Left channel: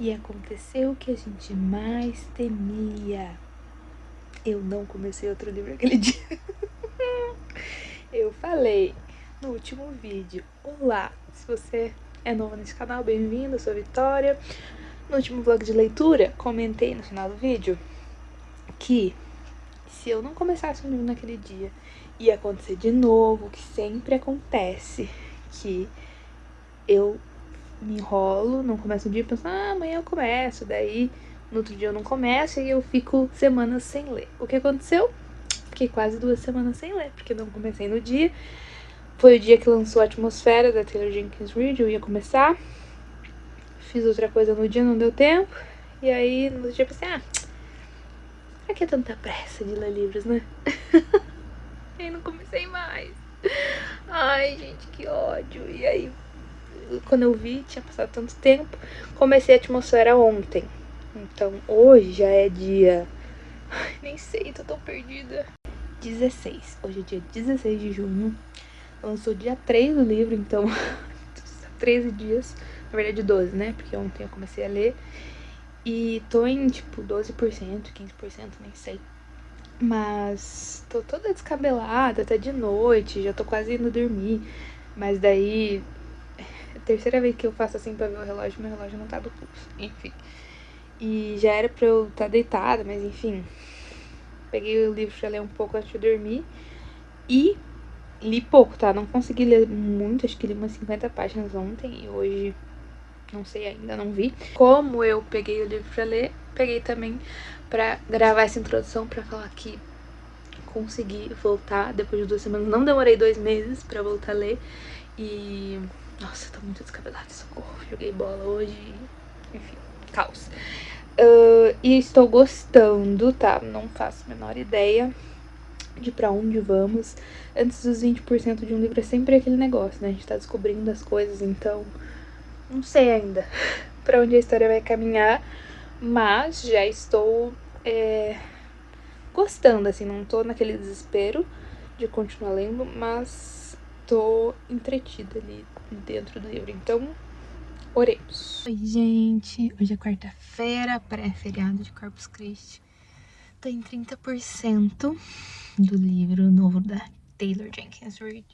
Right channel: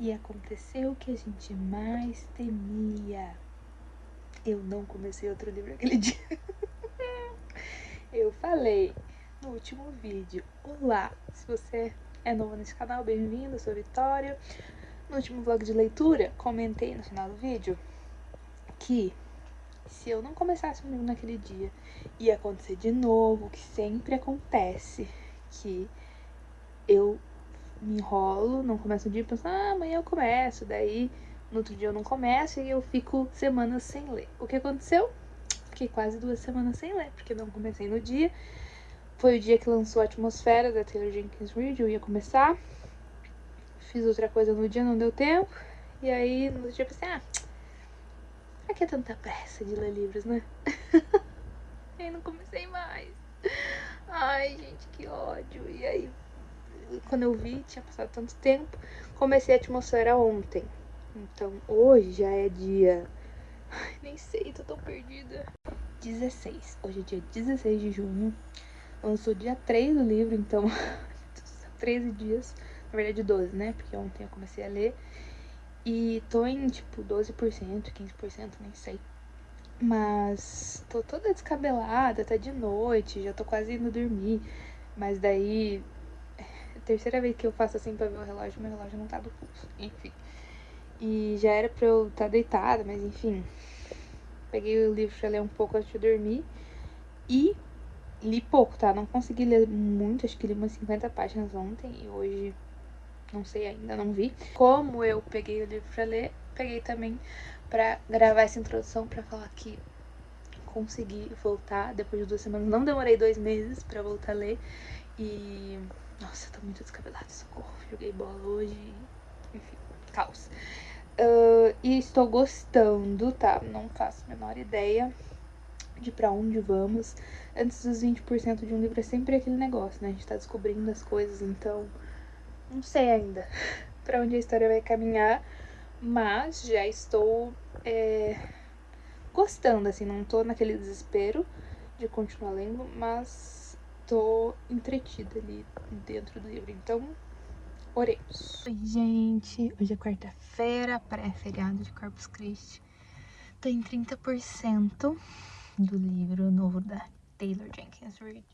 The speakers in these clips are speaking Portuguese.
E aconteceu o que a gente mais temia. Eu não comecei outro livro aquele dia. Eu falei no último vídeo: olá, se você é novo nesse canal, bem-vindo, eu sou a Vitória. No último vlog de leitura, comentei no final do vídeo que se eu não começasse um livro naquele dia, ia acontecer de novo, o que sempre acontece, que eu me enrolo, não começo o dia, penso, amanhã eu começo, daí no outro dia eu não começo e eu fico semanas sem ler. O que aconteceu? Fiquei quase 2 semanas sem ler, porque não comecei no dia. Foi o dia que lançou a Atmosfera da Taylor Jenkins Reid, eu ia começar. Fiz outra coisa no dia, não deu tempo. E aí no outro dia eu pensei, pra que tanta pressa de ler livros, né? E aí não comecei mais. Ai, gente, que ódio. E aí, quando eu vi, tinha passado tanto tempo. Comecei a Atmosfera ontem. Então, hoje já é dia... Ai, nem sei, tô tão perdida. 16. Hoje é dia 16 de junho. Lançou dia 3 do livro, então... 13 dias. Na verdade, 12, né? Porque ontem eu comecei a ler. E tô em, tipo, 12%, 15%, nem sei. Mas tô toda descabelada, até de noite, já tô quase indo dormir. Mas daí, é a terceira vez que eu faço assim pra ver o relógio, meu relógio não tá do pulso. Enfim. E já era pra eu estar deitada, mas enfim. Peguei o livro pra ler um pouco antes de dormir. E li pouco, tá? Não consegui ler muito, acho que li umas 50 páginas ontem. E hoje, não sei ainda, não vi. Como eu peguei o livro pra ler, peguei também pra gravar essa introdução pra falar que consegui voltar depois de 2 semanas. Não demorei 2 meses pra voltar a ler. E... nossa, tô muito descabelada, socorro. Joguei bola hoje. Enfim, caos. E estou gostando, tá? Não faço a menor ideia de pra onde vamos. Antes dos 20% de um livro é sempre aquele negócio, né? A gente tá descobrindo as coisas, então... não sei ainda pra onde a história vai caminhar. Mas já estou... gostando, assim, não tô naquele desespero de continuar lendo, mas tô entretida ali dentro do livro, então oremos. Oi, gente, hoje é quarta-feira, pré-feriado de Corpus Christi. Tô em 30% do livro novo da Taylor Jenkins Reid.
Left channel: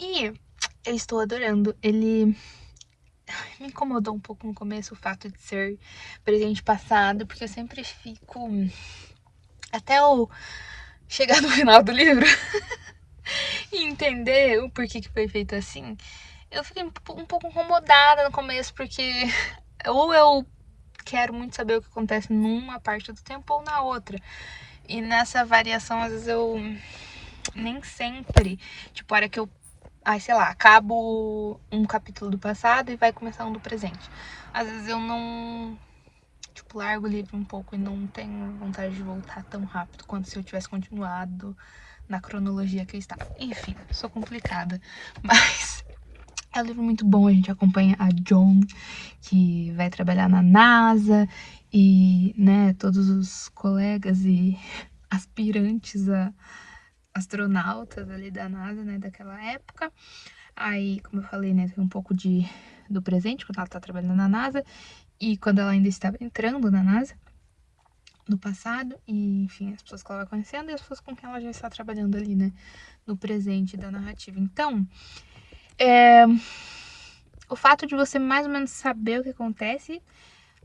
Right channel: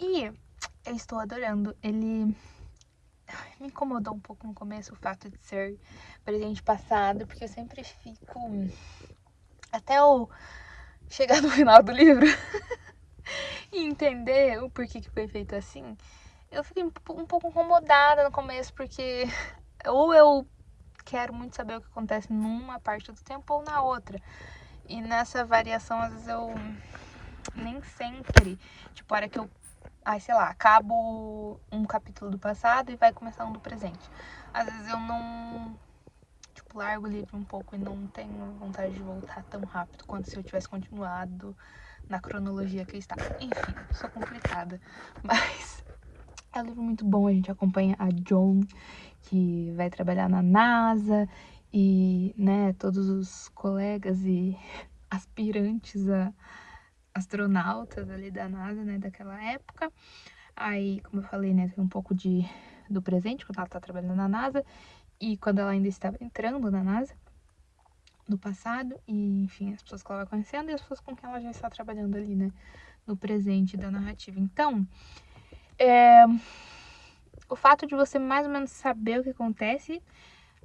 E eu estou adorando, ele... me incomodou um pouco no começo o fato de ser presente passado, porque eu sempre fico... até eu chegar no final do livro e entender o porquê que foi feito assim, eu fiquei um pouco incomodada no começo, porque ou eu quero muito saber o que acontece numa parte do tempo ou na outra. E nessa variação, às vezes eu nem sempre, tipo, a hora que eu, sei lá, acabo um capítulo do passado e vai começar um do presente. Às vezes eu não, tipo, largo o livro um pouco e não tenho vontade de voltar tão rápido quanto se eu tivesse continuado na cronologia que está. Enfim, sou complicada, mas é um livro muito bom. A gente acompanha a Joan, que vai trabalhar na NASA, e, né, todos os colegas e aspirantes a astronautas ali da NASA, né, daquela época. Aí, como eu falei, né, tem um pouco do presente, quando ela tá trabalhando na NASA, e quando ela ainda estava entrando na NASA, no passado, e enfim, as pessoas que ela vai conhecendo e as pessoas com quem ela já está trabalhando ali, né, no presente da narrativa. Então, o fato de você mais ou menos saber o que acontece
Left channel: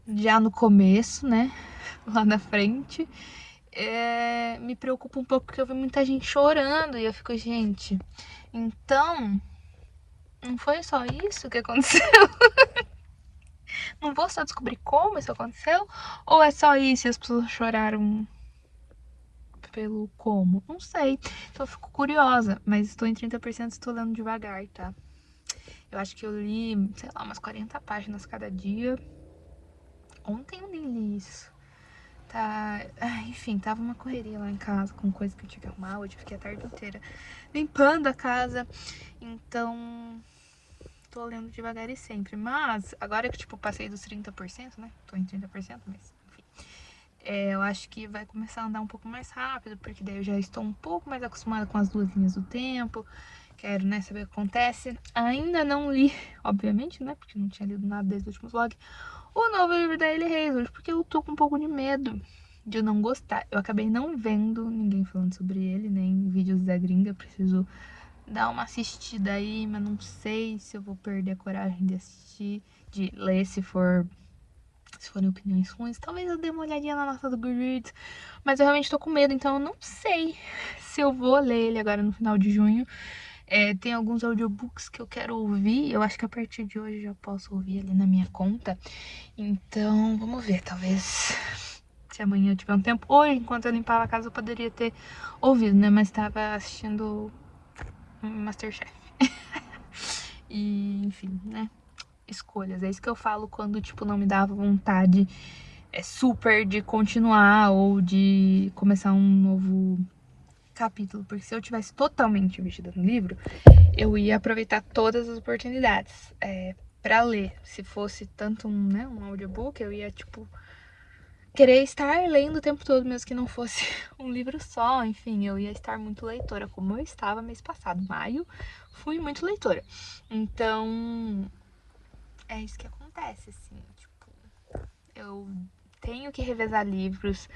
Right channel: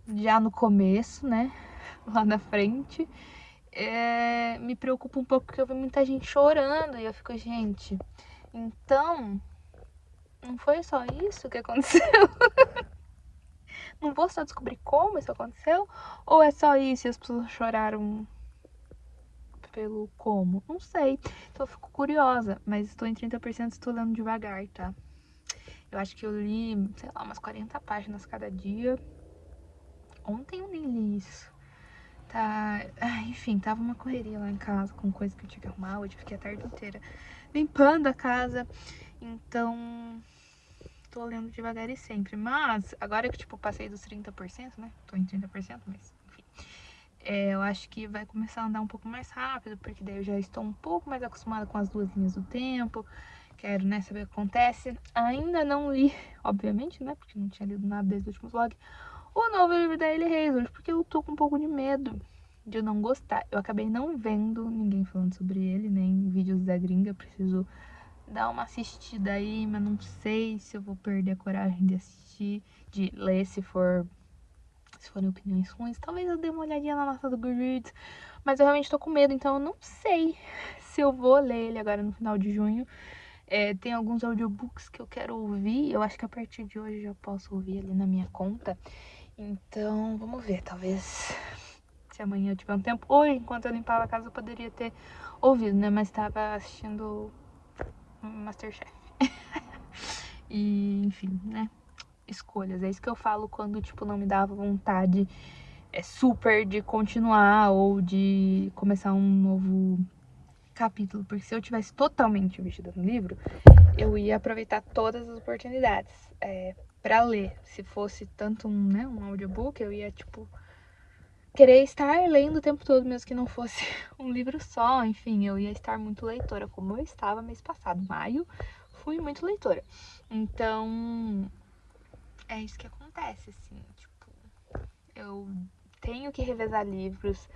já no começo, né, lá na frente, me preocupa um pouco, porque eu vi muita gente chorando e eu fico, gente, então, não foi só isso que aconteceu? Não vou só descobrir como isso aconteceu? Ou é só isso e as pessoas choraram pelo como? Não sei. Então eu fico curiosa, mas estou em 30% e estou lendo devagar, tá? Eu acho que eu li, sei lá, umas 40 páginas cada dia. Ontem eu nem li isso. Tá, enfim, tava uma correria lá em casa com coisa que eu tinha que arrumar. Hoje eu fiquei a tarde inteira limpando a casa. Então, tô lendo devagar e sempre. Mas, agora que, tipo, passei dos 30%, né? Tô em 30%, mas, enfim. Eu acho que vai começar a andar um pouco mais rápido, porque daí eu já estou um pouco mais acostumada com as 2 linhas do tempo. Quero, né, saber o que acontece. Ainda não li, obviamente, né, porque não tinha lido nada desde o último vlog, o novo livro da Hailey Hazelwood, porque eu tô com um pouco de medo de eu não gostar. Eu acabei não vendo ninguém falando sobre ele, nem vídeos da gringa, preciso dar uma assistida aí, mas não sei se eu vou perder a coragem de assistir, de ler se forem opiniões ruins. Talvez eu dê uma olhadinha na nota do Goodreads, mas eu realmente tô com medo, então eu não sei se eu vou ler ele agora no final de junho. Tem alguns audiobooks que eu quero ouvir, eu acho que a partir de hoje eu posso ouvir ali na minha conta. Então, vamos ver, talvez se amanhã eu tiver um tempo. Hoje, enquanto eu limpava a casa, eu poderia ter ouvido, né? Mas tava assistindo Masterchef. E, enfim, né? Escolhas. É isso que eu falo quando, tipo, não me dava vontade super de continuar ou de começar um novo capítulo. Porque se eu tivesse totalmente investido no livro, eu ia aproveitar todas as oportunidades pra ler. Se fosse tanto um audiobook, eu ia, tipo, querer estar lendo o tempo todo, mesmo que não fosse um livro só. Enfim, eu ia estar muito leitora, como eu estava mês passado. Maio, fui muito leitora. Então, é isso que acontece, assim, tipo, eu tenho que revezar livros,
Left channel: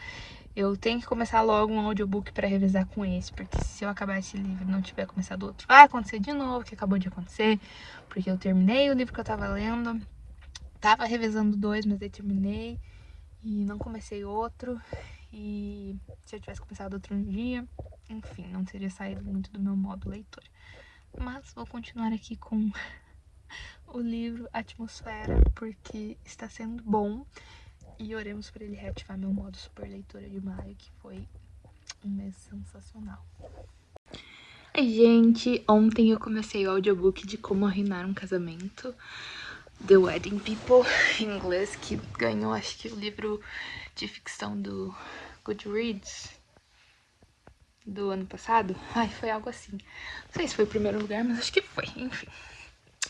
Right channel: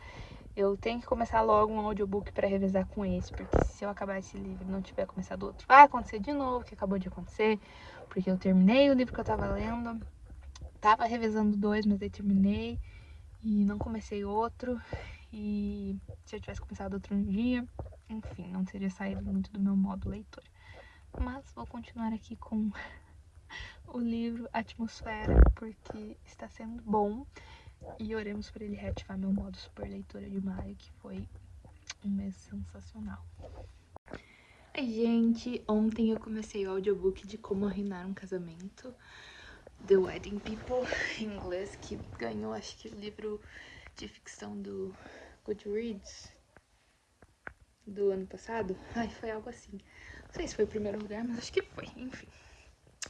eu tenho que começar logo um audiobook pra revezar com esse, porque se eu acabar esse livro e não tiver começado outro, vai acontecer de novo, o que acabou de acontecer, porque eu terminei o livro que eu tava lendo, tava revezando 2, mas aí terminei e não comecei outro, e se eu tivesse começado outro um dia, enfim, não teria saído muito do meu modo leitor. Mas vou continuar aqui com o livro Atmosfera, porque está sendo bom. E oremos para ele reativar meu modo super leitora de maio, que foi um mês sensacional. Ai, gente, ontem eu comecei o audiobook de Como Arruinar um Casamento, The Wedding People, em inglês, que ganhou, acho que, o livro de ficção do Goodreads do ano passado. Ai, foi algo assim. Não sei se foi o primeiro lugar, mas acho que foi, enfim.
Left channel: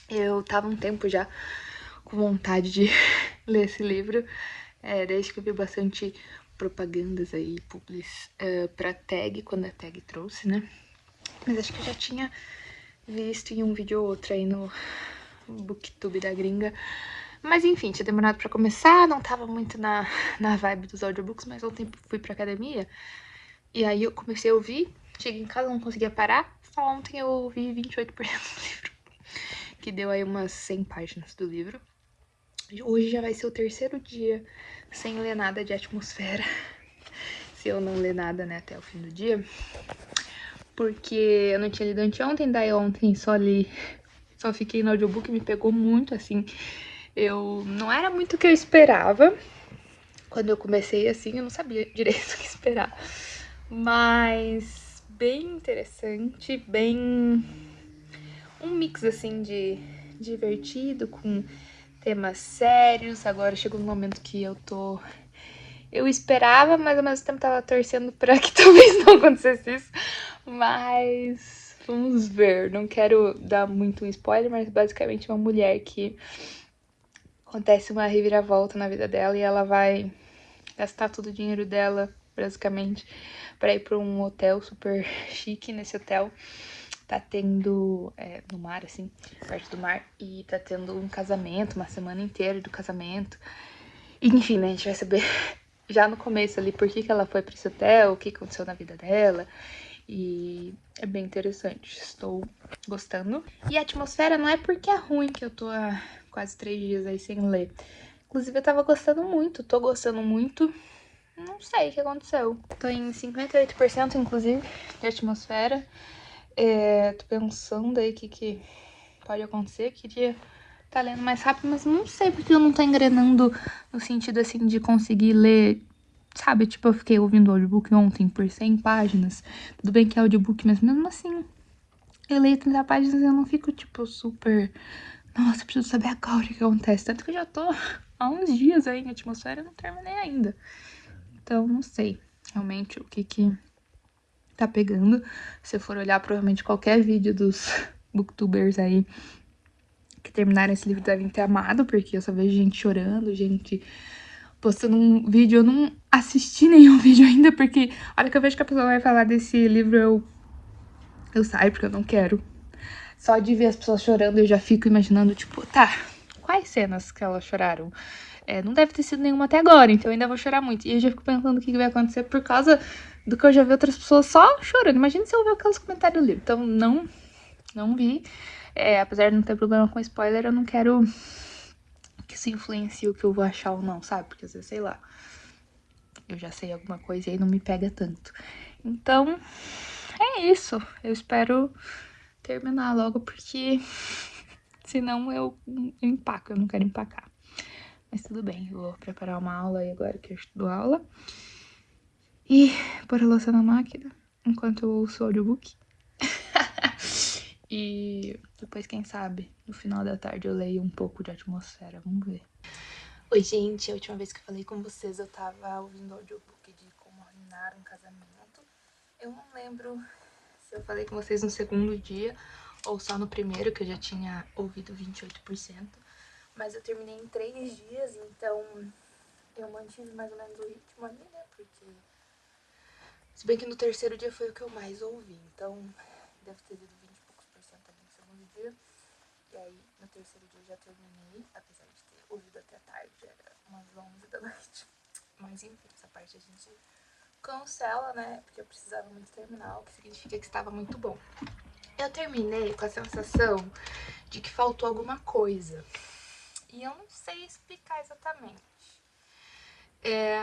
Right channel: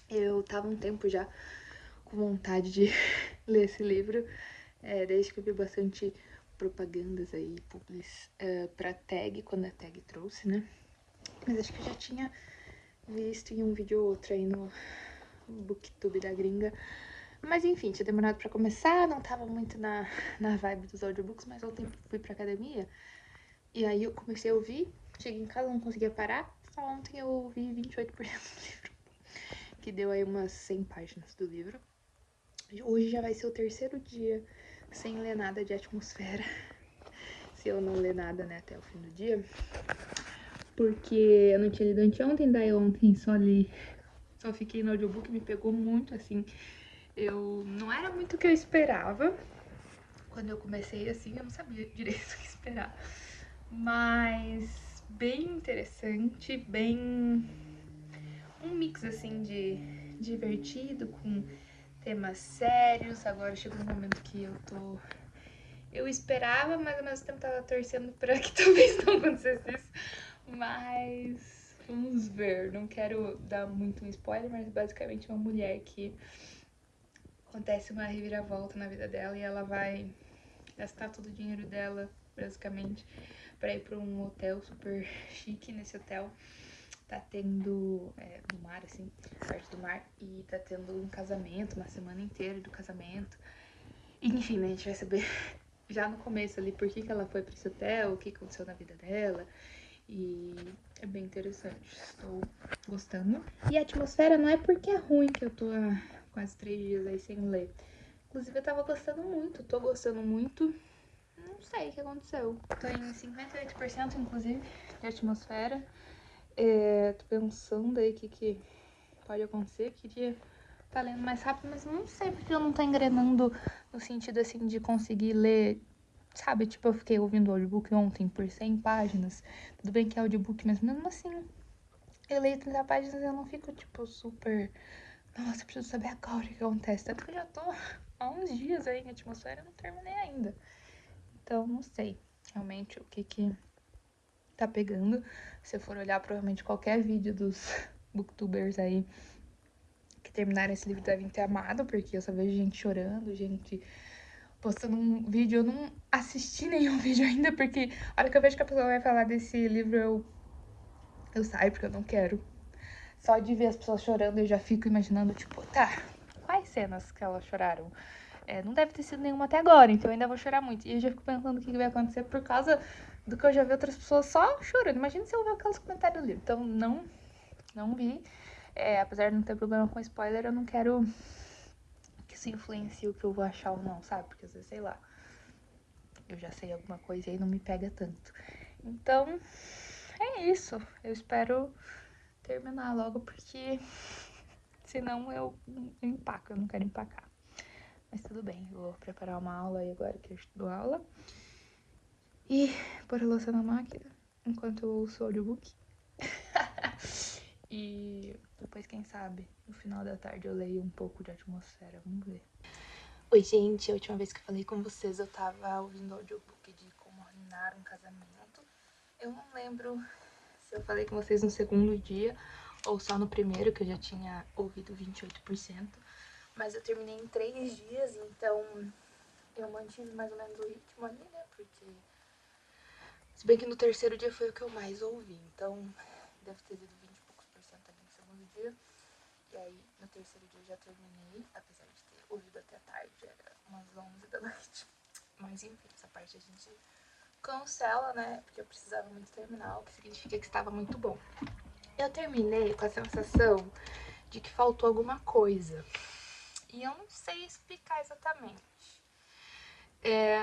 Eu tava um tempo já com vontade de ler esse livro, desde que eu vi bastante propagandas aí, publis, pra Tag, quando a Tag trouxe, né? Mas acho que eu já tinha visto em um vídeo ou outro aí no Booktube da gringa. Mas enfim, tinha demorado pra começar, não tava muito na vibe dos audiobooks, mas ontem fui pra academia e aí eu comecei a ouvir, cheguei em casa, não conseguia parar, só ontem eu ouvi 28% do livro, que deu aí umas 100 páginas do livro. Hoje já vai ser o terceiro dia sem ler nada de Atmosfera, se eu não ler nada, né, até o fim do dia, porque eu não tinha lido anteontem, daí ontem só fiquei no audiobook, me pegou muito, assim, não era muito o que eu esperava. Quando eu comecei, assim, eu não sabia direito o que esperar, mas bem interessante, bem um mix, assim, de divertido com temas sérios. Agora chegou um momento que eu esperava, mas ao mesmo tempo tava torcendo pra que talvez não acontecesse isso. Mas vamos ver. Não quero dar muito um spoiler, mas basicamente uma mulher que acontece uma reviravolta na vida dela e ela vai gastar todo o dinheiro dela, basicamente, pra ir pra um hotel super chique. Nesse hotel tá tendo, no mar, assim, perto do mar, e tá tendo um casamento, uma semana inteira do casamento. Enfim, né, a gente vai saber já no começo ali por que ela foi pra esse hotel, o que aconteceu na vida dela. E é bem interessante, estou gostando. E a Atmosfera não é porque é ruim que eu tô há quase 3 dias aí sem ler. Inclusive eu tava gostando muito, tô gostando muito. Não sei o que aconteceu. Tô em 58%, inclusive, de Atmosfera. Tô pensando aí o que pode acontecer. Queria tá lendo mais rápido, mas não sei porque eu não tô engrenando no sentido, assim, de conseguir ler, sabe? Tipo, eu fiquei ouvindo o audiobook ontem por 100 páginas. Tudo bem que é audiobook, mas mesmo assim, eu leio 30 páginas e eu não fico, tipo, super... Nossa, preciso saber agora o que acontece. Tanto que eu já tô há uns dias aí em Atmosfera e não terminei ainda. Então, não sei realmente o que tá pegando. Se eu for olhar, provavelmente qualquer vídeo dos booktubers aí que terminaram esse livro devem ter amado, porque eu só vejo gente chorando, gente postando um vídeo. Eu não assisti nenhum vídeo ainda, porque a hora que eu vejo que a pessoa vai falar desse livro, eu saio, porque eu não quero. Só de ver as pessoas chorando, eu já fico imaginando, tipo, tá, quais cenas que elas choraram? Não deve ter sido nenhuma até agora, então eu ainda vou chorar muito. E eu já fico pensando o que vai acontecer por causa do que eu já vi outras pessoas só chorando. Imagina se eu ver aqueles comentários do livro. Então, não vi. Apesar de não ter problema com spoiler, eu não quero que isso influencie o que eu vou achar ou não, sabe? Porque às vezes, sei lá, eu já sei alguma coisa e aí não me pega tanto. Então, é isso. Eu espero terminar logo, porque senão eu empaco. Eu não quero empacar. Mas tudo bem, eu vou preparar uma aula aí agora que eu estudo aula. E pôr a louça na máquina enquanto eu ouço o audiobook. E depois, quem sabe, no final da tarde eu leio um pouco de Atmosfera. Vamos ver. Oi, gente. A última vez que eu falei com vocês, eu tava ouvindo o audiobook de Como Arruinar um Casamento. Eu não lembro se eu falei com vocês no segundo dia ou só no primeiro, que eu já tinha ouvido 28%. Mas eu terminei em 3 dias, então eu mantive mais ou menos o ritmo ali, né? Porque se bem que no terceiro dia foi o que eu mais ouvi, então deve ter ido 20 e poucos por cento ali no segundo dia. E aí no terceiro dia eu já terminei, apesar de ter ouvido até tarde, era umas 11 da noite. Mas enfim, essa parte a gente cancela, né? Porque eu precisava muito terminar, o que significa que estava muito bom. Eu terminei com a sensação de que faltou alguma coisa. E eu não sei explicar exatamente.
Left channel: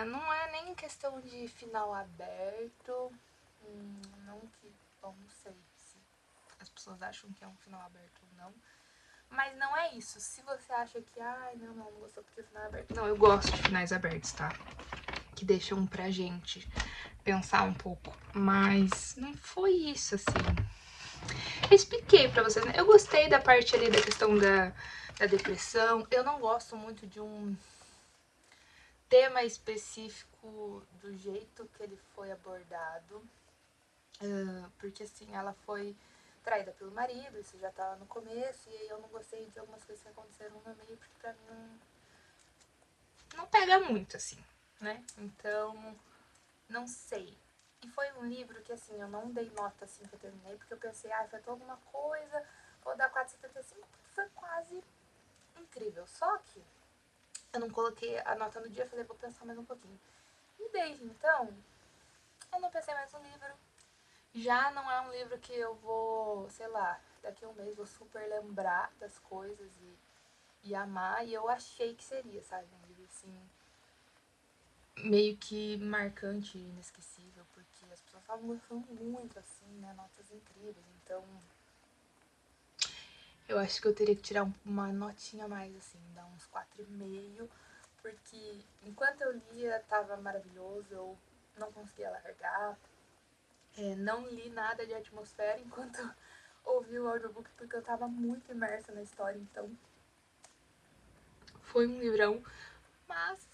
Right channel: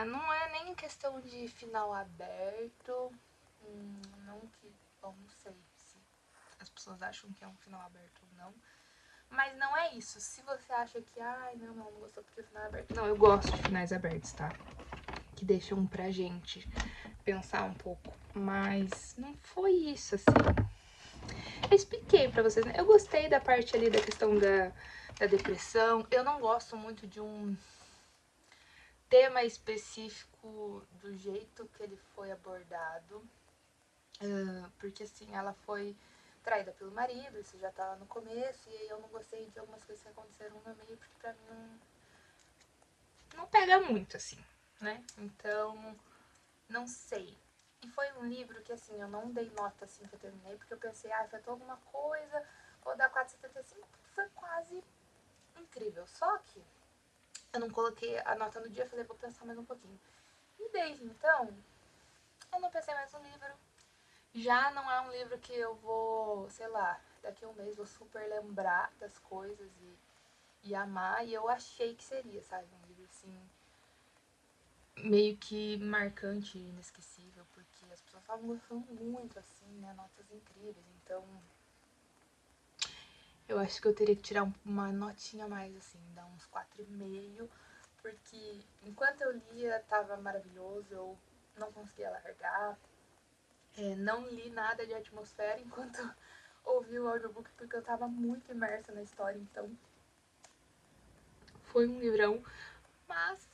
Não é nem questão de final aberto. Não que. Bom, não sei se as pessoas acham que é um final aberto ou não. Mas não é isso. Se você acha que, ai, não gostou porque o final é aberto. Não, eu gosto de finais abertos, tá? Que deixam pra gente pensar um pouco. Mas não foi isso, assim. Eu expliquei pra vocês, né? Eu gostei da parte ali da questão da depressão. Eu não gosto muito de um tema específico do jeito que ele foi abordado. Porque assim, ela foi traída pelo marido, isso já tava no começo, e aí eu não gostei de algumas coisas que aconteceram no meio, porque pra mim não pega muito, assim, né? Então, não sei. E foi um livro que, assim, eu não dei nota assim que eu terminei, porque eu pensei, faltou alguma coisa, vou dar 4,75, porque foi quase incrível. Só que eu não coloquei a nota no dia, falei, vou pensar mais um pouquinho. E desde então, eu não pensei mais no livro. Já não é um livro que eu vou, sei lá, daqui a um mês vou super lembrar das coisas e amar. E eu achei que seria, sabe? Um livro assim, meio que marcante e inesquecível, porque as pessoas estavam gostando muito, assim, né? Notas incríveis. Então, eu acho que eu teria que tirar uma notinha mais, assim, dar uns 4,5, porque enquanto eu lia tava maravilhoso, eu não conseguia largar. Não li nada de Atmosfera enquanto ouvi o audiobook, porque eu tava muito imersa na história, então foi um livrão, mas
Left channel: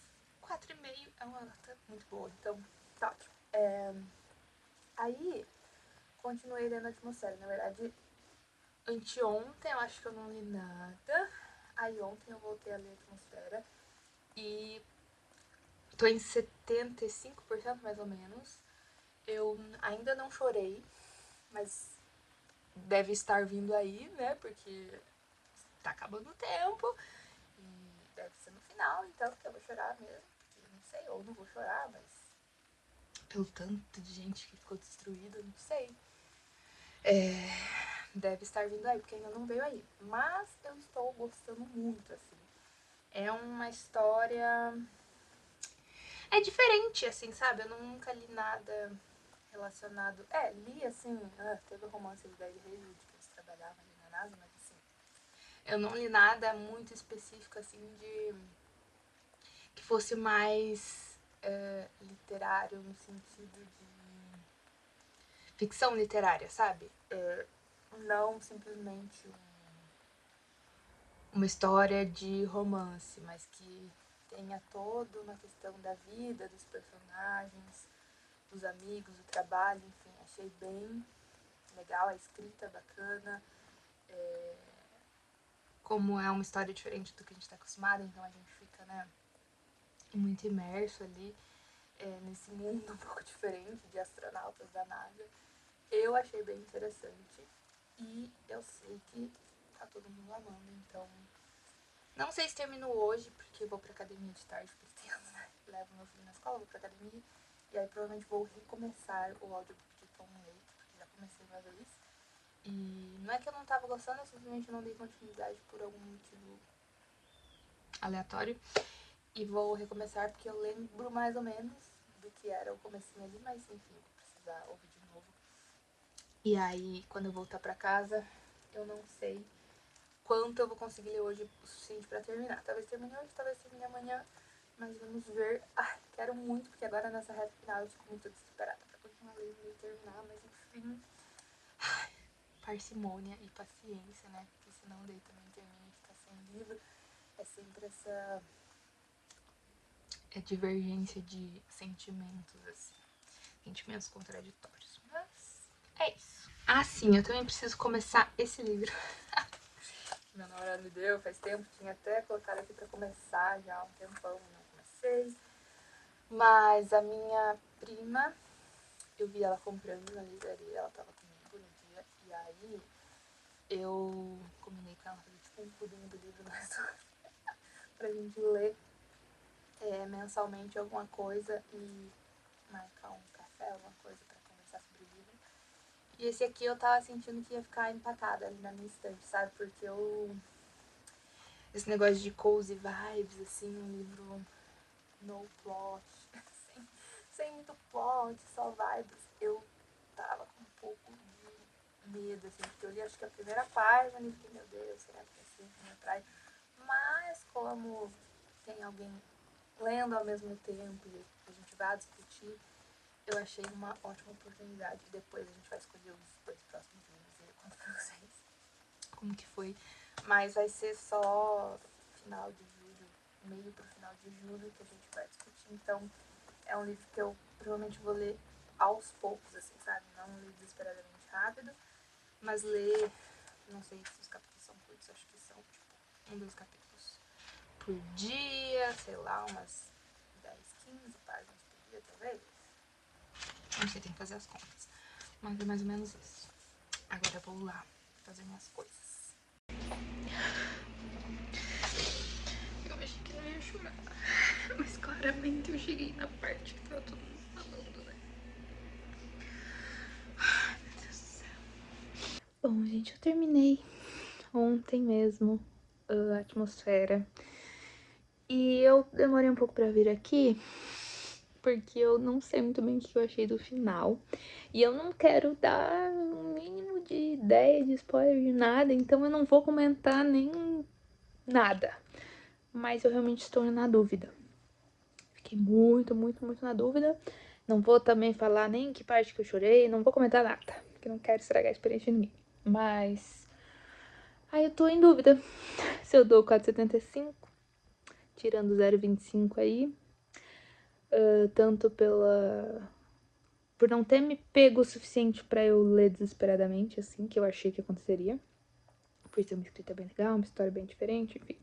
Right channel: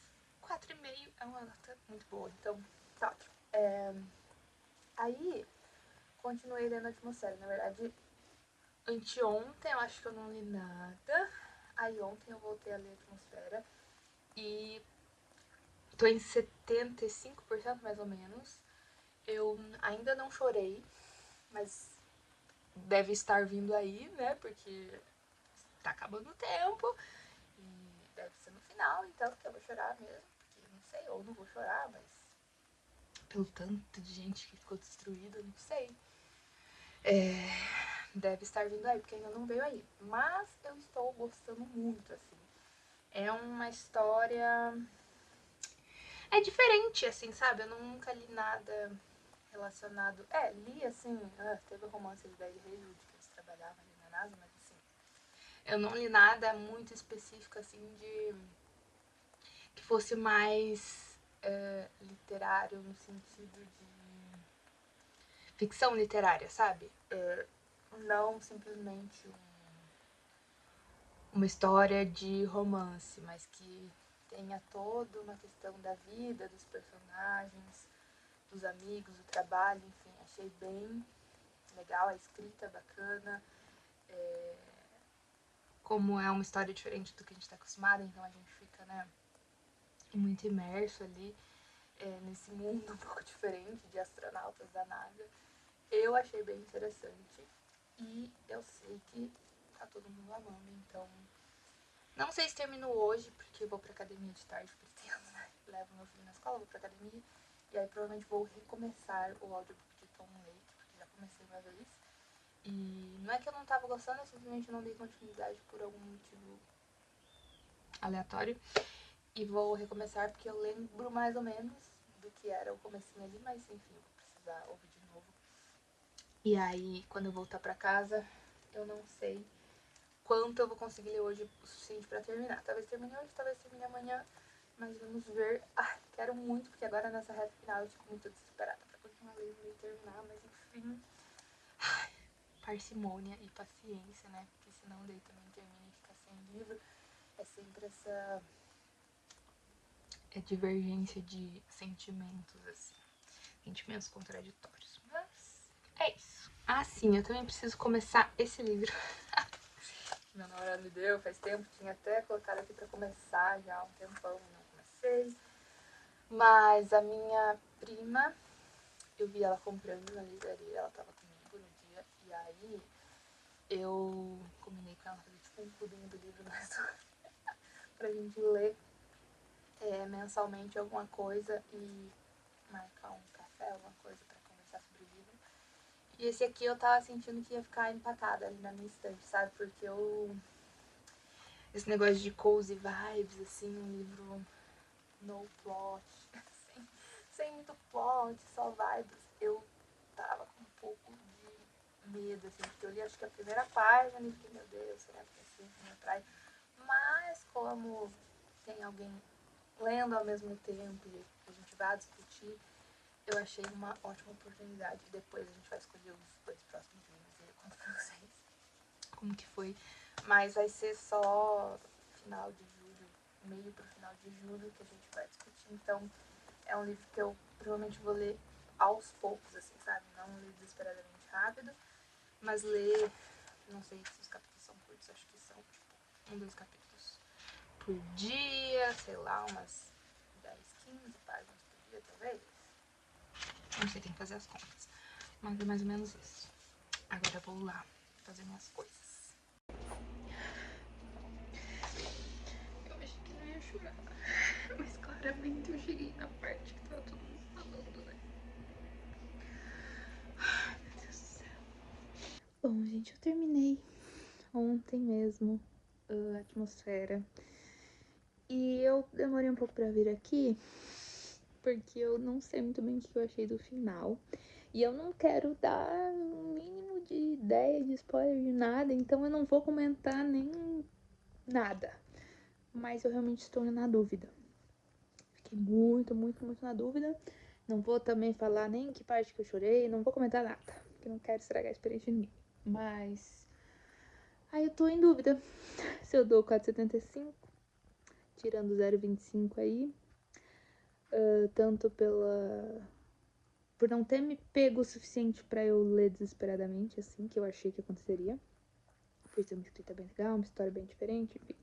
4,5 é uma nota muito boa, então tá ótimo. Aí, continuei lendo Atmosfera, na verdade, anteontem eu acho que eu não li nada, aí ontem eu voltei a ler Atmosfera e tô em 75% mais ou menos. Eu ainda não chorei, mas deve estar vindo aí, né, porque tá acabando o tempo e deve ser no final, então que eu vou chorar mesmo, porque não sei, ou não vou chorar, mas pelo tanto de gente que ficou destruída, não sei. Deve estar vindo aí, porque ainda não veio aí. Mas eu estou gostando muito, assim. É uma história. É diferente, assim, sabe? Eu nunca li nada relacionado. Li assim, teve o romance de 10 Reis, que eles trabalhavam ali na NASA, mas assim. Eu não li nada muito específico, assim, de. Que fosse mais literário, no sentido de. Ficção literária, sabe? Não simplesmente uma história de romance, mas que tenha toda uma questão da vida, dos personagens, dos amigos, do trabalho, enfim, achei bem legal, a escrita bacana, como é uma história diferente do que a gente está acostumado, então a gente fica, né, muito imerso ali nesse mundo um pouco diferente de astronautas da NASA. Eu achei bem interessante e eu sei que tá todo mundo amando, então Não sei se termino hoje, porque eu vou pra academia de tarde, pretendo, né? Levo meu filho na escola, vou pra academia. E aí provavelmente vou recomeçar o audiobook de Tom Lake, porque já comecei uma vez. E não é que eu não tava gostando, eu simplesmente não dei continuidade por algum motivo aleatório. E vou recomeçar porque eu lembro mais ou menos do que era o comecinho ali, mas enfim, vou precisar ouvir de novo. E aí, quando eu voltar pra casa, eu não sei quanto eu vou conseguir ler hoje o suficiente pra terminar. Talvez termine hoje, talvez termine amanhã, mas vamos ver. Ah, quero muito, porque agora nessa reta final eu fico muito desesperada pra continuar lendo e terminar, mas enfim. Ai, parcimônia e paciência, né? Porque senão daí também termina e fica sem livro. É sempre essa divergência de sentimentos, assim. Sentimentos contraditórios. Mas é isso. Ah, sim, eu também preciso começar esse livro. Meu namorado me deu faz tempo, tinha até colocado aqui pra começar já há um tempão, não comecei. Mas a minha prima, eu vi ela comprando na livraria, ela tava comigo no dia, e aí eu combinei com ela fazer tipo um clubinho do livro nós dois, pra gente ler mensalmente alguma coisa e marcar um café, alguma coisa pra conversar sobre o livro. E esse aqui eu tava sentindo que ia ficar empatado ali na minha estante, sabe? Porque eu... Esse negócio de cozy vibes, assim, um livro no plot, sem muito plot, só vibes. Eu tava com um pouco de medo, assim, porque eu li acho que a primeira página e fiquei, meu Deus, será que esse me atrai? Mas como tem alguém lendo ao mesmo tempo e a gente vai discutir, eu achei uma ótima oportunidade. Depois a gente vai escolher os 2 próximos livros e eu conto pra vocês como que foi. Mas vai ser só final de julho, meio pro final de julho que a gente vai discutir. Então é um livro que eu provavelmente vou ler aos poucos, assim, sabe? Não ler desesperadamente rápido, mas ler, não sei se os capítulos são curtos, acho que são tipo 1, 2 capítulos por dia, sei lá, umas 10, 15 páginas por dia, talvez. Não sei, tem que fazer as contas. Mas é mais ou menos isso. Agora eu vou lá fazer minhas coisas. Eu achei que não ia chorar. Mas claramente eu cheguei na parte que tava todo mundo falando, né? Ai, meu Deus do céu. Bom, gente, eu terminei ontem mesmo a Atmosfera. E eu demorei um pouco pra vir aqui, porque eu não sei muito bem o que eu achei do final. E eu não quero dar um mínimo de ideia, de spoiler, de nada, então eu não vou comentar nem nada. Mas eu realmente estou na dúvida. Fiquei muito, muito, muito na dúvida. Não vou também falar nem que parte que eu chorei, não vou comentar nada, porque não quero estragar a experiência de ninguém. Mas... aí eu tô em dúvida se eu dou 4,75, tirando 0,25 aí. Tanto por não ter me pego o suficiente pra eu ler desesperadamente, assim, que eu achei que aconteceria. Por ser uma escrita bem legal, uma história bem diferente, enfim.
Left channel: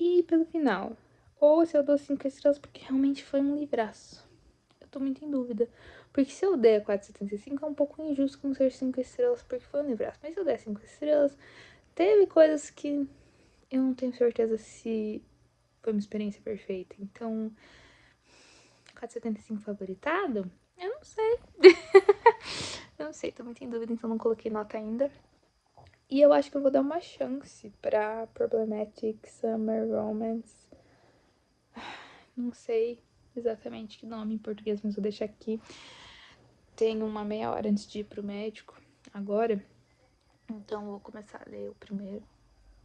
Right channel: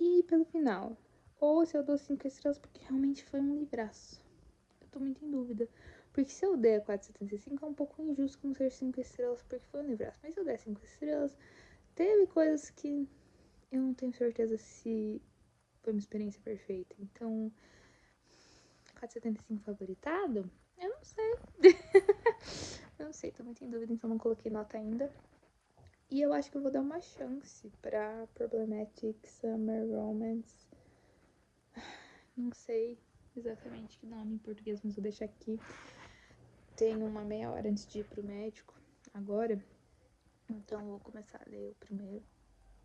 E pelo final, ou se eu dou 5 estrelas porque realmente foi um livraço. Eu tô muito em dúvida. Porque se eu der 4,75 é um pouco injusto não ser 5 estrelas porque foi um livraço. Mas se eu der 5 estrelas, teve coisas que eu não tenho certeza se foi uma experiência perfeita. Então, 4,75 favoritado? Eu não sei. Eu não sei, tô muito em dúvida, então não coloquei nota ainda. E eu acho que eu vou dar uma chance pra Problematic Summer Romance. Não sei exatamente que nome em português, mas vou deixar aqui. Tenho uma meia hora antes de ir pro médico agora. Então eu vou começar a ler o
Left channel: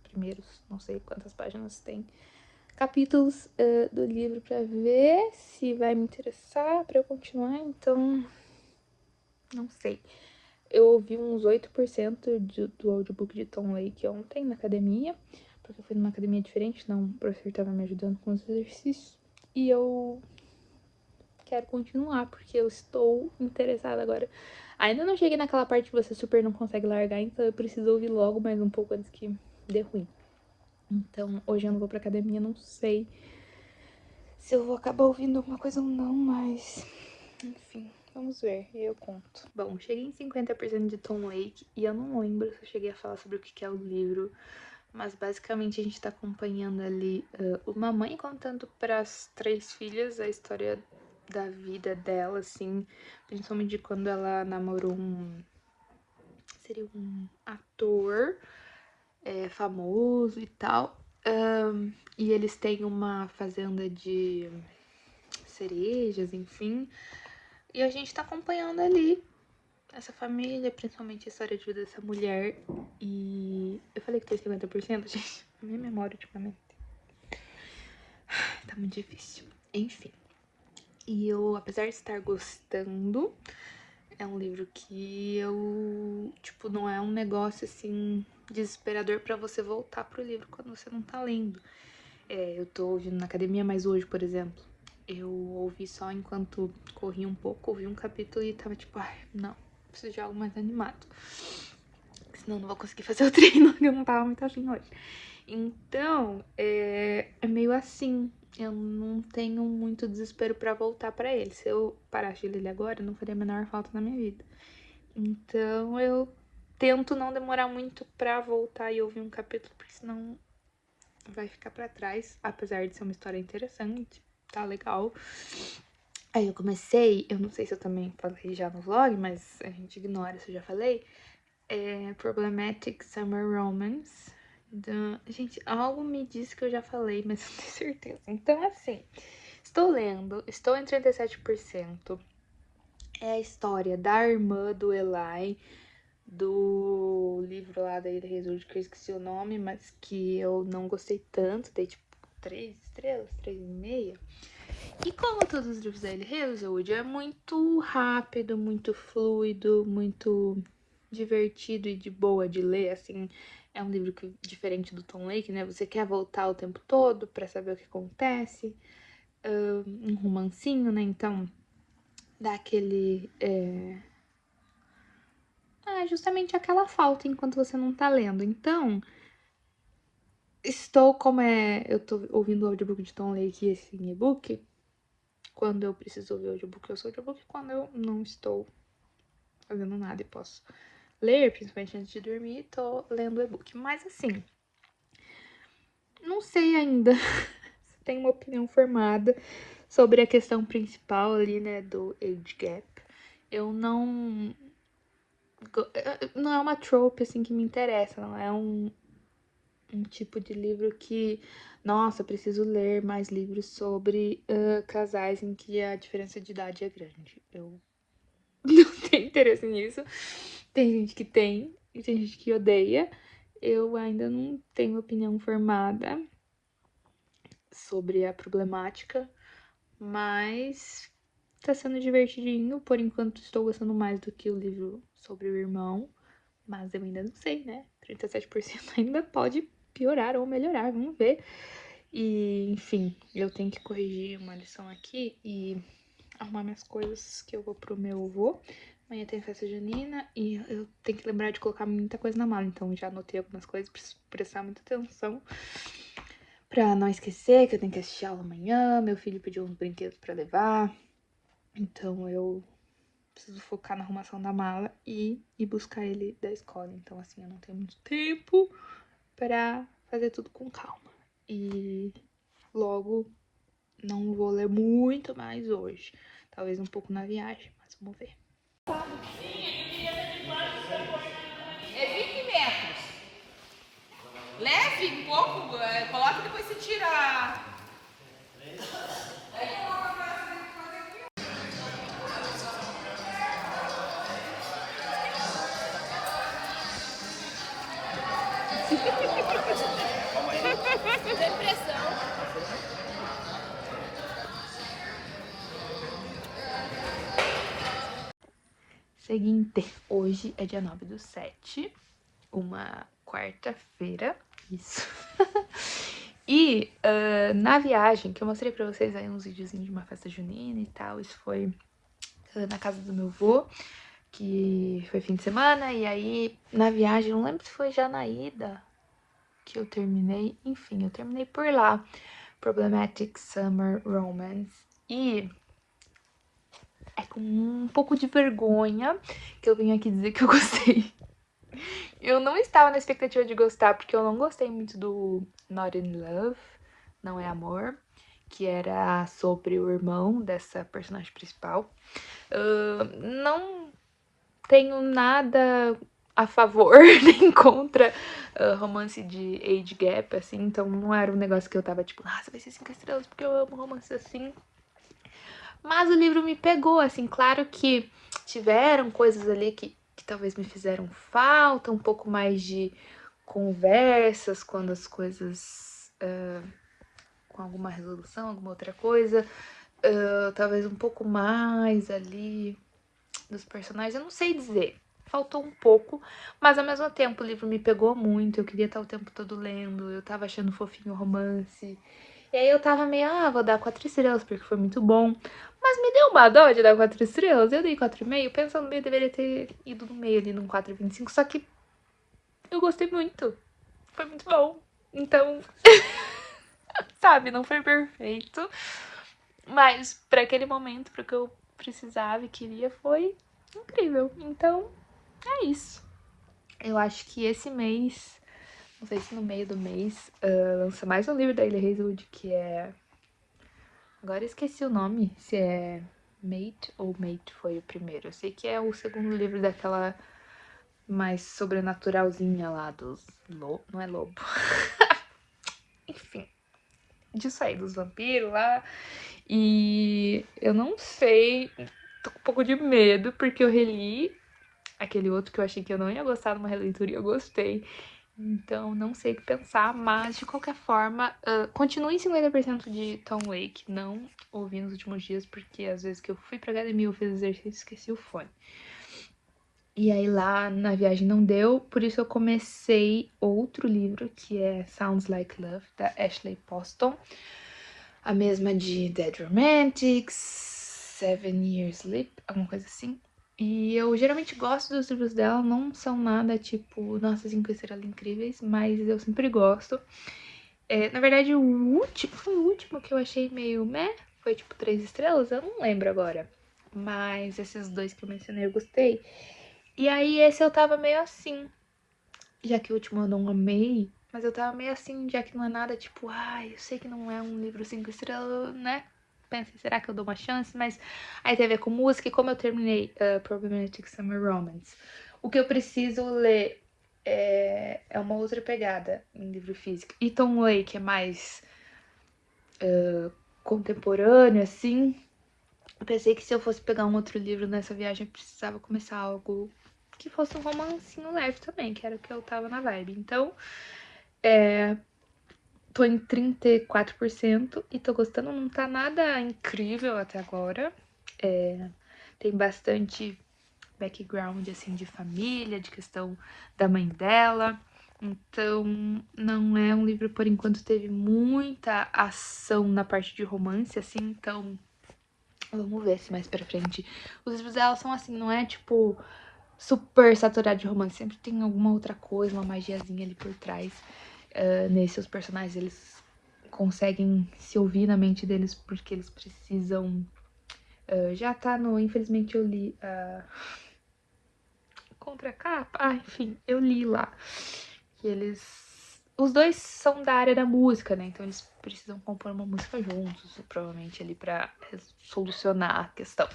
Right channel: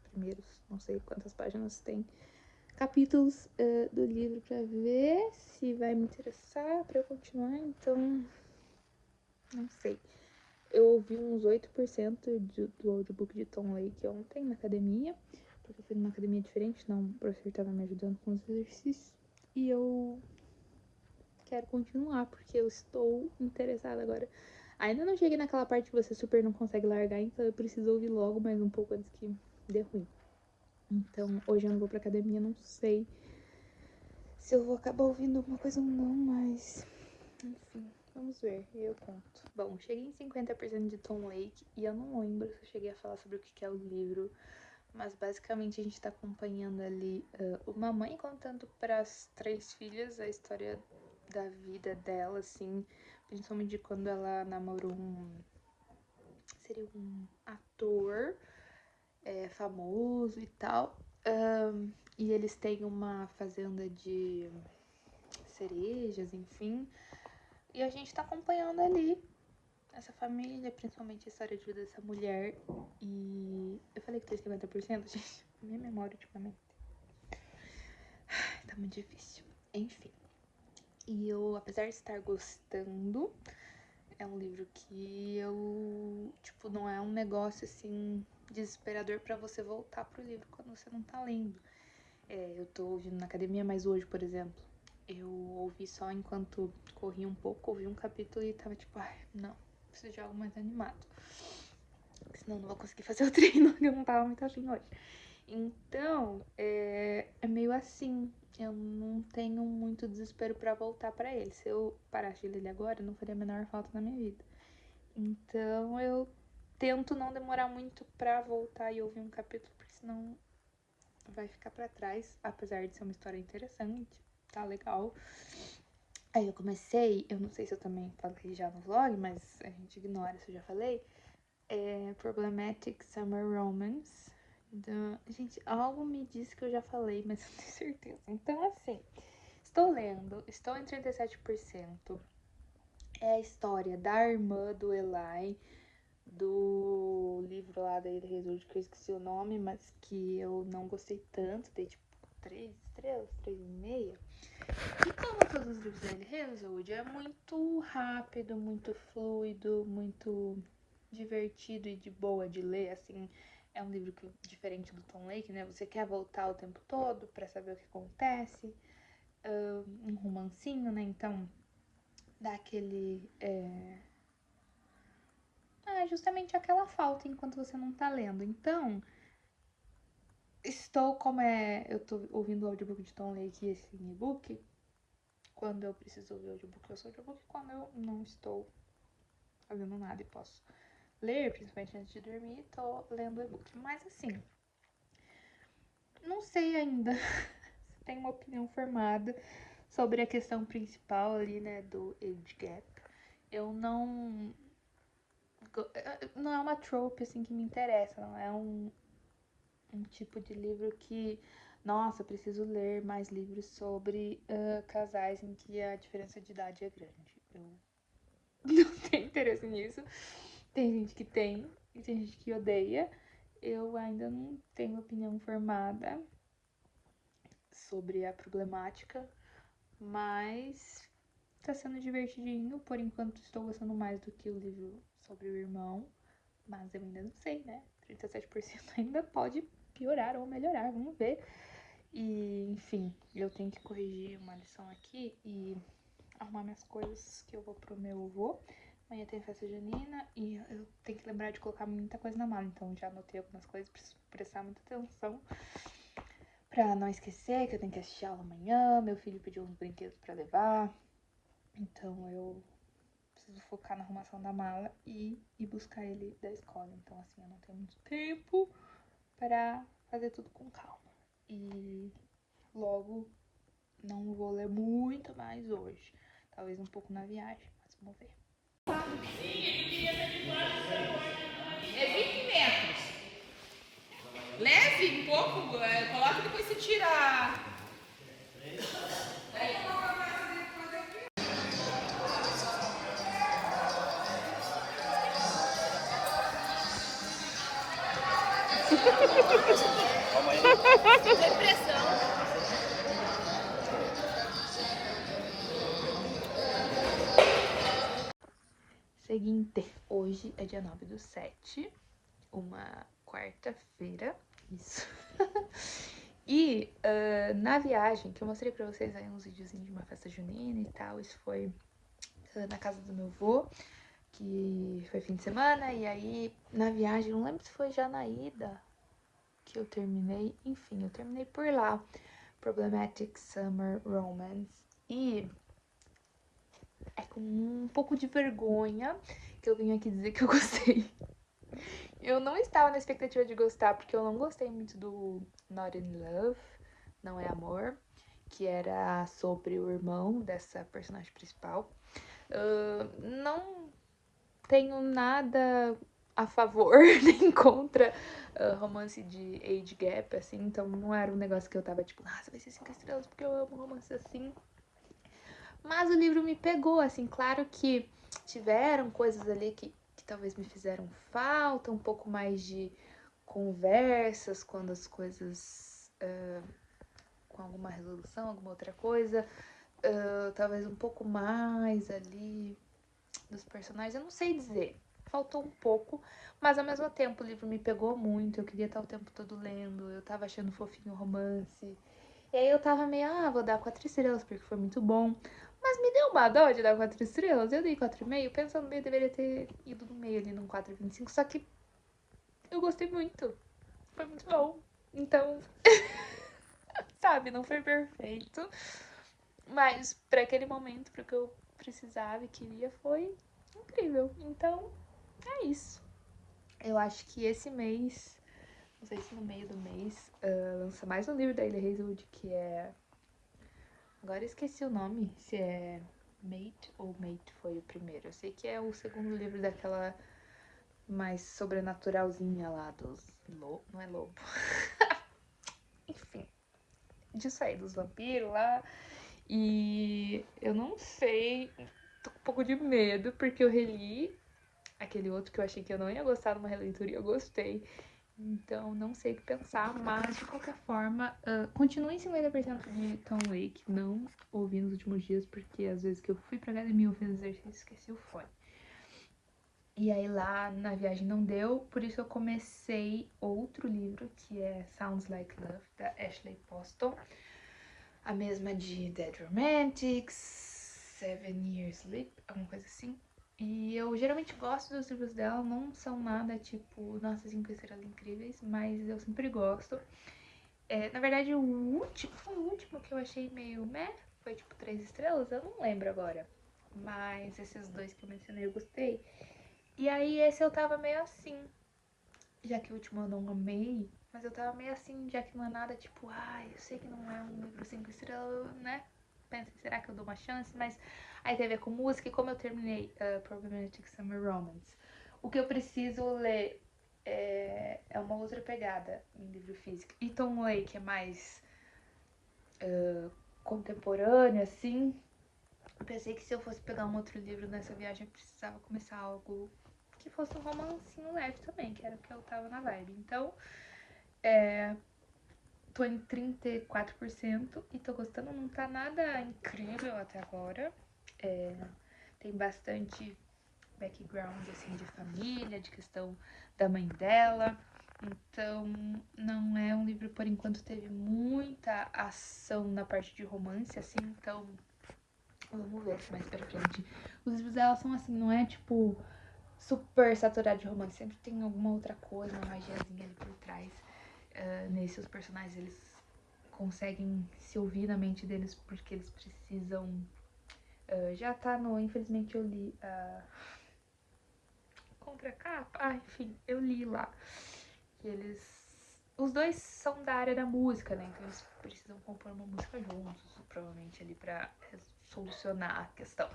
primeiros, não sei quantas páginas tem, capítulos do livro pra ver se vai me interessar pra eu continuar. Então, não sei. Eu ouvi uns 8% do audiobook de Tom Lake ontem na academia, porque eu fui numa academia diferente, não, o professor tava me ajudando com os exercícios. E eu quero continuar, porque eu estou interessada agora. Ainda não cheguei naquela parte que você super não consegue largar, então eu preciso ouvir logo mais um pouco antes que dê ruim. Então, hoje eu não vou pra academia, não sei se eu vou acabar ouvindo alguma coisa ou não, mas... enfim, vamos ver, eu conto. Bom, cheguei em 50% de Tom Lake e eu não lembro se eu cheguei a falar sobre o que é o livro, mas basicamente a gente tá acompanhando ali uma mãe contando para as 3 filhas a história da vida dela, assim, principalmente de quando ela namorou seria um ator famoso e tal. E eles têm uma fazenda de cerejas, enfim. E a gente tá acompanhando ali essa família, principalmente a história de vida dessa mulher. E eu falei que tem 50%, gente. A minha memória ultimamente tá muito difícil. Enfim. E eu, apesar de estar gostando, é um livro que eu, tipo, não é um negócio assim desesperador pra você voltar pro livro quando você não tá lendo. Eu tô ouvindo na academia, mas hoje, por exemplo, eu ouvi só enquanto corri um pouco, ouvi um capítulo e tava tipo, ai, não, preciso de algo mais animado. Senão eu não vou conseguir fazer o treino, que eu não tava muito afim hoje. Então, é meio assim. Eu não tenho muito desespero pra voltar pra ele. Se eu parasse de ler ele agora, não faria a menor falta na minha vida. Então, eu tento não demorar muito pra voltar e ouvir um capítulo, porque senão vai ficar pra trás. Apesar de ser uma história interessante, tá legal. Aí eu comecei, eu não sei se eu também falei já no vlog, mas a gente ignora se eu já falei. Problematic Summer Romance. Gente, algo me disse que eu já falei, mas não tenho certeza. Então, assim, estou lendo, estou em 37%. É a história da irmã do Eli, do livro lá da Ilha Resurde, que eu esqueci o nome, mas que eu não gostei tanto, dei tipo 3 estrelas, 3,5. E como todos os livros da Ilha Resurde, é muito rápido, muito fluido, muito divertido e de boa de ler, assim. É um livro que, diferente do Tom Lake, né? Você quer voltar o tempo todo pra saber o que acontece. Um romancinho, né? Então, dá aquele... justamente aquela falta enquanto você não tá lendo. Então, eu tô ouvindo o audiobook de Tom Lake e esse e-book. Quando eu preciso ouvir o audiobook, eu sou audiobook. Quando eu não estou fazendo nada e posso ler, principalmente antes de dormir, tô lendo o e-book. Mas assim, não sei ainda se tenho uma opinião formada sobre a questão principal ali, né, do age gap. Eu não... Não é uma trope, assim, que me interessa, não é um tipo de livro que... Nossa, preciso ler mais livros sobre casais em que a diferença de idade é grande. Eu não tenho interesse nisso. Tem gente que tem e tem gente que odeia. Eu ainda não tenho opinião formada sobre a problemática, mas tá sendo divertidinho. Por enquanto estou gostando mais do que o livro sobre o irmão, mas eu ainda não sei, né? 37% ainda pode piorar ou melhorar, vamos ver. E, enfim, eu tenho que corrigir uma lição aqui e arrumar minhas coisas que eu vou pro meu avô. Amanhã tem festa junina e eu tenho que lembrar de colocar muita coisa na mala, então já anotei algumas coisas, preciso prestar muita atenção pra não esquecer que eu tenho que assistir aula amanhã. Meu filho pediu uns brinquedos pra levar, então eu preciso focar na arrumação da mala e ir buscar ele da escola. Então, assim, eu não tenho muito tempo pra fazer tudo com calma. E logo não vou ler muito mais hoje. Talvez um pouco na viagem, mas vamos ver. É 20 metros. Leve um pouco, coloca e depois você tira. Calma aí. Seguinte, hoje é dia 9/7, uma quarta-feira, isso. E na viagem, que eu mostrei pra vocês aí uns videozinhos de uma festa junina e tal, isso foi na casa do meu avô, que foi fim de semana, e aí na viagem, não lembro se foi já na ida que eu terminei, enfim, eu terminei por lá, Problematic Summer Romance, e é com um pouco de vergonha que eu venho aqui dizer que eu gostei. Eu não estava na expectativa de gostar, porque eu não gostei muito do Not in Love, Não é Amor, que era sobre o irmão dessa personagem principal. Não tenho nada a favor nem contra romance de age gap, assim, então não era um negócio que eu tava tipo, nossa, vai ser 5 estrelas porque eu amo romance assim. Mas o livro me pegou, assim, claro que tiveram coisas ali que talvez me fizeram falta, um pouco mais de conversas quando as coisas com alguma resolução, alguma outra coisa, talvez um pouco mais ali dos personagens, eu não sei dizer. Faltou um pouco, mas ao mesmo tempo o livro me pegou muito, eu queria estar o tempo todo lendo, eu tava achando fofinho o romance. E aí eu tava meio, vou dar 4 estrelas porque foi muito bom. Mas me deu uma dó de dar 4 estrelas, eu dei 4,5, pensando meio, deveria ter ido no meio ali num 4,25, só que eu gostei muito, foi muito bom. Então, sabe, não foi perfeito, mas pra aquele momento, pro que eu precisava e queria, foi incrível. Então, é isso. Eu acho que esse mês, não sei se no meio do mês, lança mais um livro da Hailey Hazelwood, que é... Agora eu esqueci o nome, se é Mate ou Mate foi o primeiro. Eu sei que é o segundo livro daquela mais sobrenaturalzinha lá dos... Não é lobo. Enfim, disso aí, dos vampiros lá. E eu não sei, tô com um pouco de medo, porque eu reli aquele outro que eu achei que eu não ia gostar numa releitura e eu gostei. Então, não sei o que pensar, mas de qualquer forma, continue em 50% de Tom Lake. Não ouvi nos últimos dias, porque às vezes que eu fui pra academia, eu fiz exercício e esqueci o fone. E aí lá na viagem não deu, por isso eu comecei outro livro, que é Sounds Like Love, da Ashley Poston. A mesma de Dead Romantics, 7 Years Sleep, alguma coisa assim. E eu geralmente gosto dos livros dela, não são nada tipo, nossa, 5 estrelas incríveis, mas eu sempre gosto. Na verdade, foi o último que eu achei meio meh, foi tipo 3 estrelas, eu não lembro agora. Mas esses dois que eu mencionei eu gostei. E aí esse eu tava meio assim, já que o último eu não amei, mas eu tava meio assim, já que não é nada tipo, eu sei que não é um livro 5 estrelas, né? Pensei, será que eu dou uma chance? Mas aí tem a ver com música e como eu terminei Problematic Summer Romance. O que eu preciso ler é uma outra pegada em livro físico. E Tom Lake é mais contemporâneo, assim. Eu pensei que se eu fosse pegar um outro livro nessa viagem, eu precisava começar algo que fosse um romancinho leve também, que era o que eu tava na vibe. Então, tô em 34% e tô gostando, não tá nada incrível até agora. Tem bastante background, assim, de família, de questão da mãe dela. Então, não é um livro, por enquanto, teve muita ação na parte de romance, assim, então... Vamos ver se mais pra frente. Os livros dela são assim, não é tipo super saturado de romance. Sempre tem alguma outra coisa, uma magiazinha ali por trás. Nesse, os personagens, eles conseguem se ouvir na mente deles porque eles precisam... já tá no... Infelizmente eu li a contracapa. Enfim, eu li lá. Que eles... Os dois são da área da música, né? Então eles precisam compor uma música juntos, provavelmente ali pra solucionar a questão.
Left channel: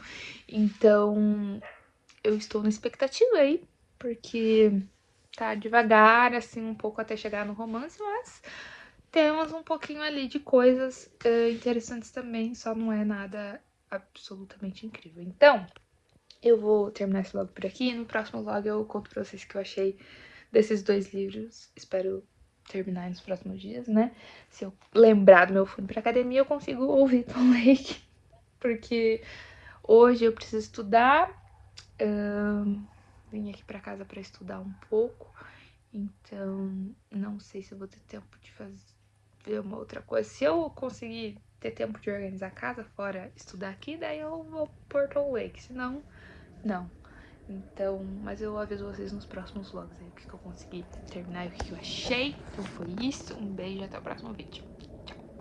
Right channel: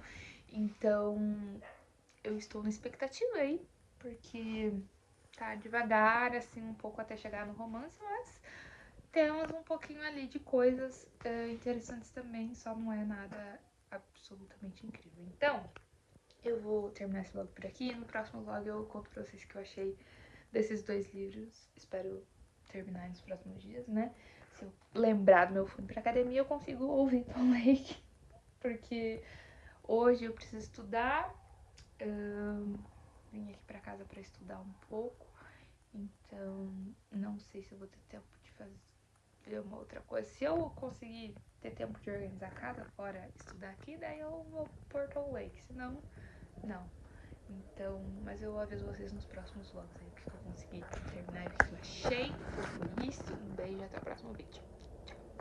Então, eu estou na expectativa aí, porque tá devagar, assim, um pouco até chegar no romance, mas temos um pouquinho ali de coisas interessantes também, só não é nada absolutamente incrível. Então, eu vou terminar esse vlog por aqui, no próximo vlog eu conto pra vocês o que eu achei desses dois livros, espero terminar nos próximos dias, né? Se eu lembrar do meu fone pra academia, eu consigo ouvir Tom Lake, porque hoje eu preciso estudar, vim aqui pra casa pra estudar um pouco, então não sei se eu vou ter tempo de fazer uma outra coisa. Se eu conseguir ter tempo de organizar a casa fora estudar aqui, daí eu vou por Tom Lake, senão, não. Então, mas eu aviso vocês nos próximos vlogs aí, o que eu consegui terminar e o que eu achei. Então foi isso, um beijo e até o próximo vídeo.